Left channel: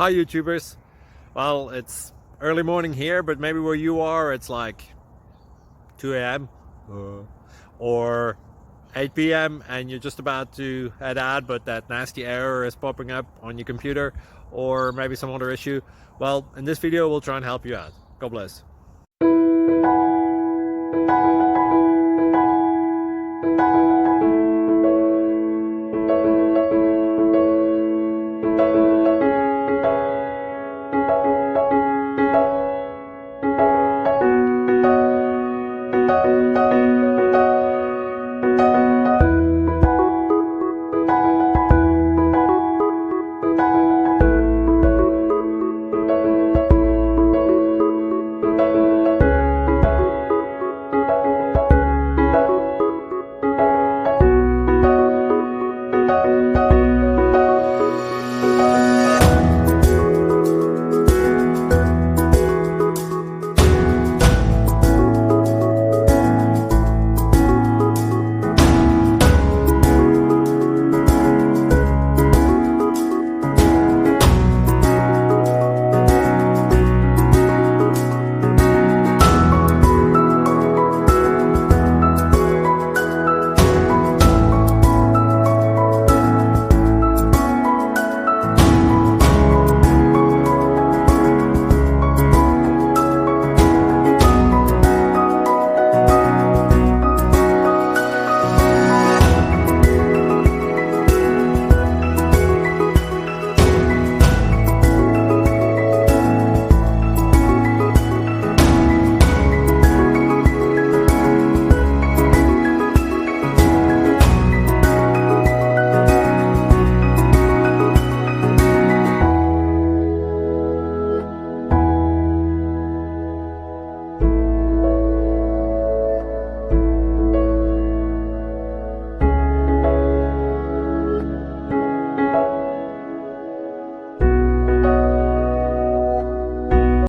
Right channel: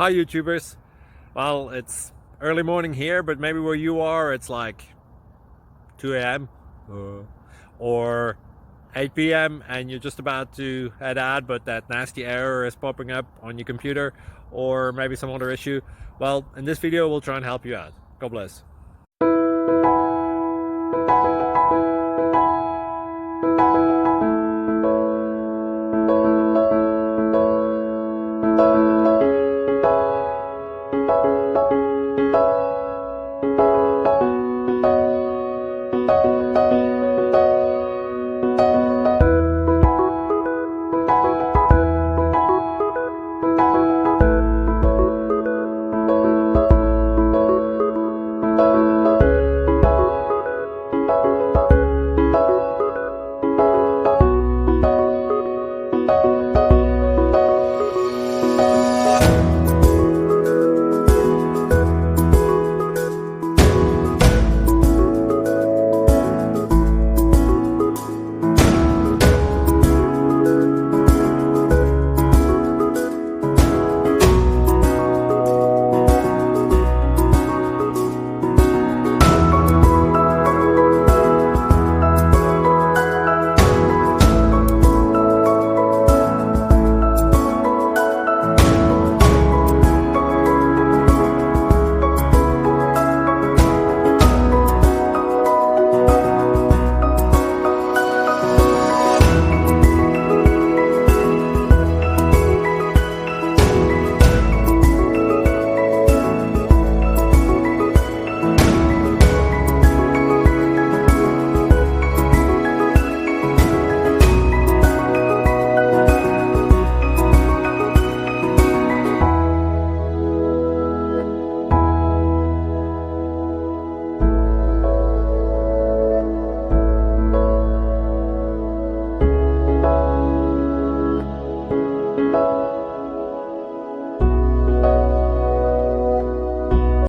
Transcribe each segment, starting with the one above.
Hi YouTubers. Well, it's early morning here, but maybe where you are it's like 2 a.m. or 8 p.m. and you're just about to head out, but that nasty error is popping up on your computer, or maybe some other issue. Well, in this video we'll try and help you out. God bless.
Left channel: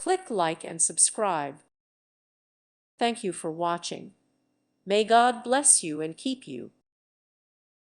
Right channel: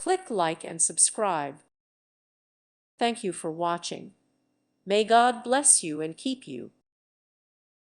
Click like and subscribe. Thank you for watching. May God bless you and keep you.